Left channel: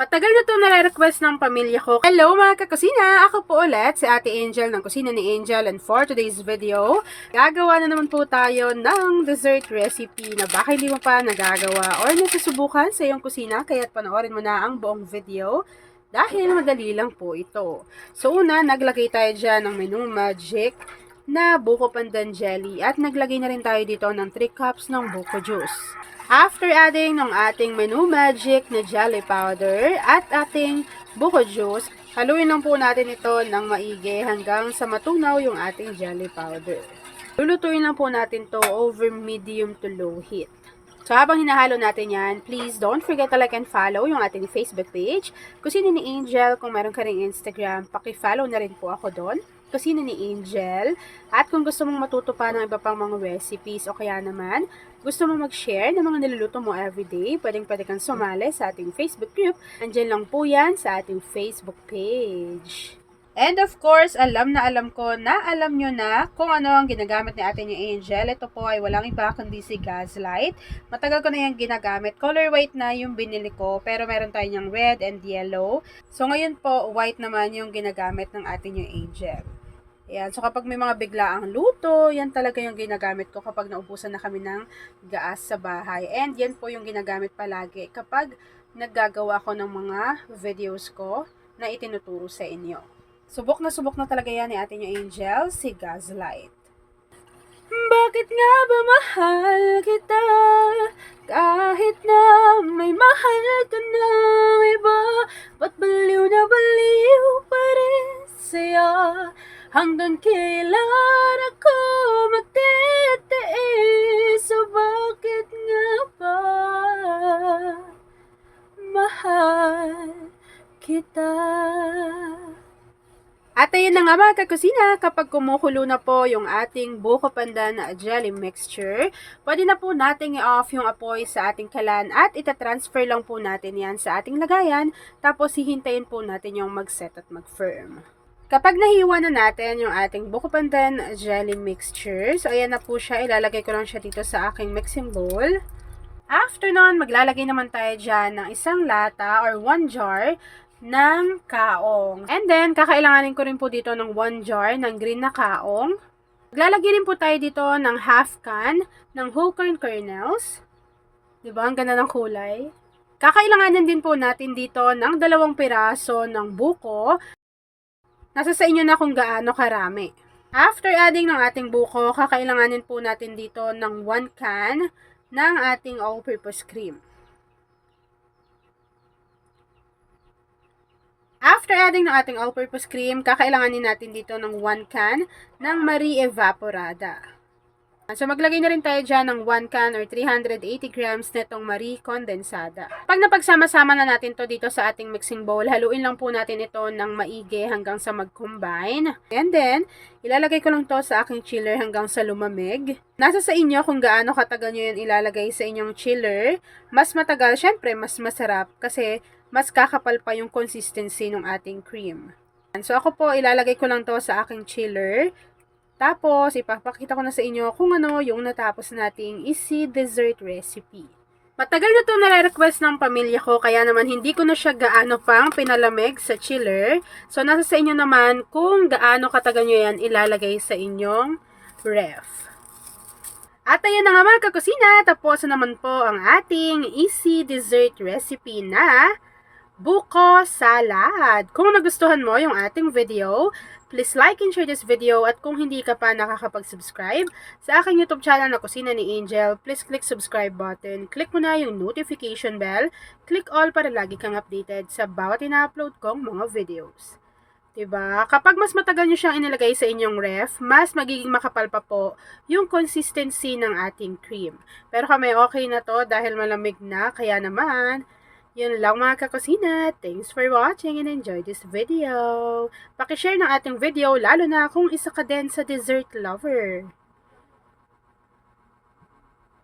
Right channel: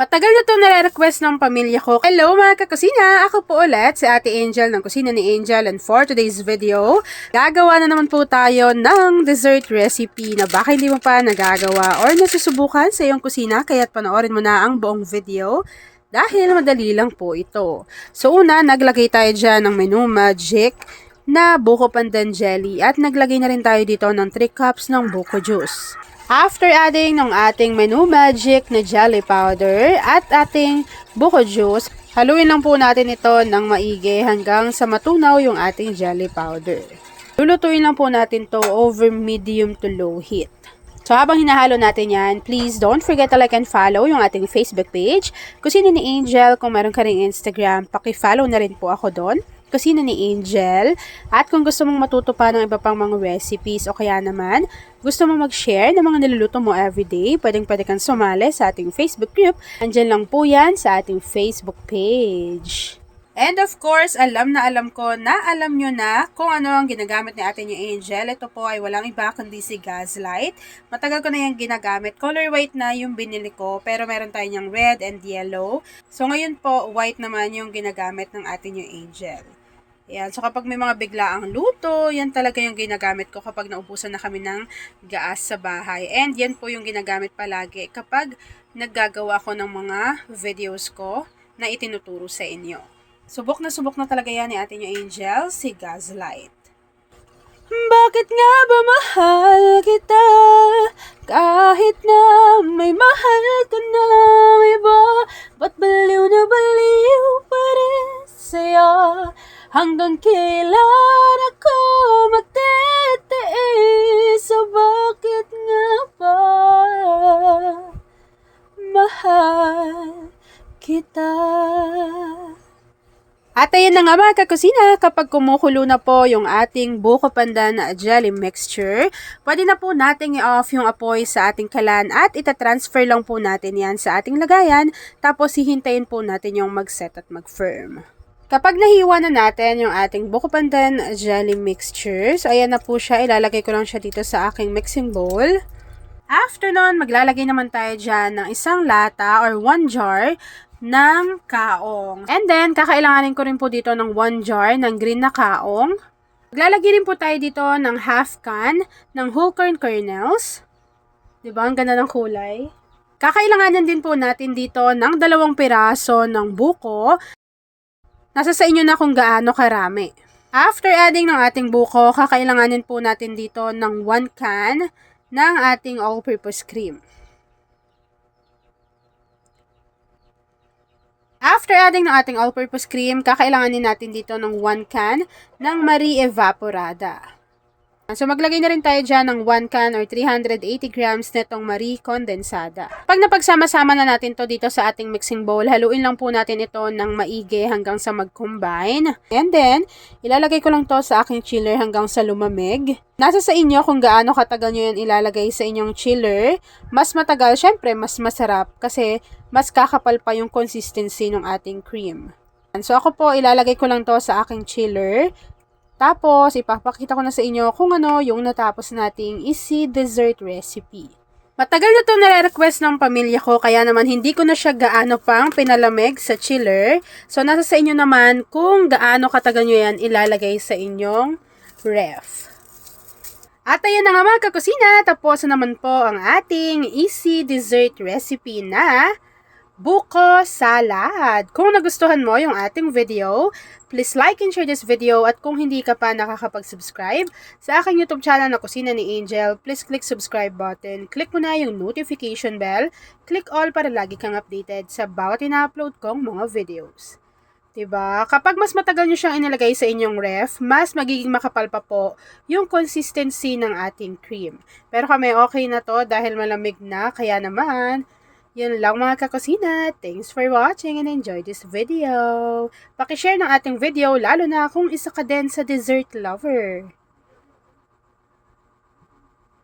Matagal na itong nare-request ng pamilya ko. Hello mga kakusina! Ako po ulit si Ate Angel ng Kusina ni Angel, and for today's video, gagawa na naman po tayo ng dessert recipe na baka hindi mo pa nagagawa or nasusubukan sa iyong kusina, kaya't panoorin mo na ang buong video dahil madali lang po ito. So una, naglagay tayo dyan ng Menu Magic na buko pandan jelly at naglagay na rin tayo dito ng 3 cups ng buko juice. After adding ng ating Menu Magic na jelly powder at ating buko juice, haluin lang po natin ito ng maigi hanggang sa matunaw yung ating jelly powder. Lulutuin lang po natin to over medium to low heat. So habang hinahalo natin yan, please don't forget to like and follow yung ating Facebook page, Kusina ni Angel. Kung meron ka ring Instagram, paki-follow na rin po ako doon, Kusina ni Angel. At kung gusto mong matuto pa ng iba pang mga recipes o kaya naman gusto mo mag-share ng mga niluluto mo everyday, pwede kang sumali sa ating Facebook group. Andyan lang po yan sa ating Facebook page. And of course, alam ko na alam nyo na kung ano ang ginagamit ni Ate Angel. Ito po ay walang iba kundi si Gaslight. Matagal ko na yung ginagamit. Color white na yung binili ko, pero meron tayo niyang red and yellow. So ngayon po, white naman yung ginagamit ng Ate Angel. Ayan. So, kapag may mga biglaang luto, yan talaga yung ginagamit ko kapag naubusan na kami ng gaas sa bahay. And yan po yung ginagamit palagi kapag naggagawa ko ng mga videos ko na itinuturo sa inyo. Subok na talaga yan ni Ate Angel, si Gaslight. Bakit nga ba mahal kita kahit na may mahal ka ng iba? Ba't baliw na baliw pa rin sa'yo? Hanggang kailan ako magtitiis? So bakit nga ba mahal kita? At ayun na nga mga kakusina, kapag kumukulo na po yung ating buko pandan na jelly mixture, pwede na po nating i-off yung apoy sa ating kalan at itatransfer lang po natin yan sa ating lagayan, tapos hihintayin po natin yung mag-set at mag-firm. Kapag nahiwa na natin yung ating buko pandan jelly mixture, so ayan na po siya, ilalagay ko lang siya dito sa aking mixing bowl. After nun, maglalagay naman tayo dyan ng isang lata or 1 jar ng kaong. And then, kakailanganin ko rin po dito ng 1 jar ng green na kaong. Maglalagay rin po tayo dito ng half can ng whole corn kernels. Diba? Ang ganda ng kulay. Kakailanganin din po natin dito ng 2 piraso ng buko. Nasa sa inyo na kung gaano karami. After adding ng ating buko, kakailanganin po natin dito ng 1 can ng ating all-purpose cream. After adding ng ating all-purpose cream, kakailanganin natin dito ng 1 can ng Marie Evaporada. So, maglagay na rin tayo dyan ng 1 can or 380 grams netong Marie Condensada. Pag napagsama-sama na natin to dito sa ating mixing bowl, haluin lang po natin ito ng maigi hanggang sa mag-combine. And then, ilalagay ko lang to sa aking chiller hanggang sa lumamig. Nasa sa inyo kung gaano katagal nyo yan ilalagay sa inyong chiller. Mas matagal, syempre, mas masarap kasi mas kakapal pa yung consistency ng ating cream. So, ako po, ilalagay ko lang to sa aking chiller. Tapos, ipapakita ko na sa inyo kung ano yung natapos nating easy dessert recipe. Matagal na itong nare-request ng pamilya ko, kaya naman hindi ko na siya gaano pang pinalamig sa chiller. So, nasa sa inyo naman kung gaano katagal nyo yan ilalagay sa inyong ref. At ayan na nga mga kakusina, tapos na naman po ang ating easy dessert recipe na buko salad. Kung nagustuhan mo yung ating video, please like and share this video, at kung hindi ka pa nakakapag-subscribe sa aking YouTube channel na Kusina ni Angel, please click subscribe button, click mo na yung notification bell, click all para lagi kang updated sa bawat ina-upload kong mga videos. Diba? Kapag mas matagal nyo siyang inilagay sa inyong ref, mas magiging makapal pa po yung consistency ng ating cream. Pero kami okay na to dahil malamig na, kaya naman yun lang mga kakusina. Thanks for watching and enjoy this video. Pakishare ng ating video lalo na kung isa ka din sa dessert lover.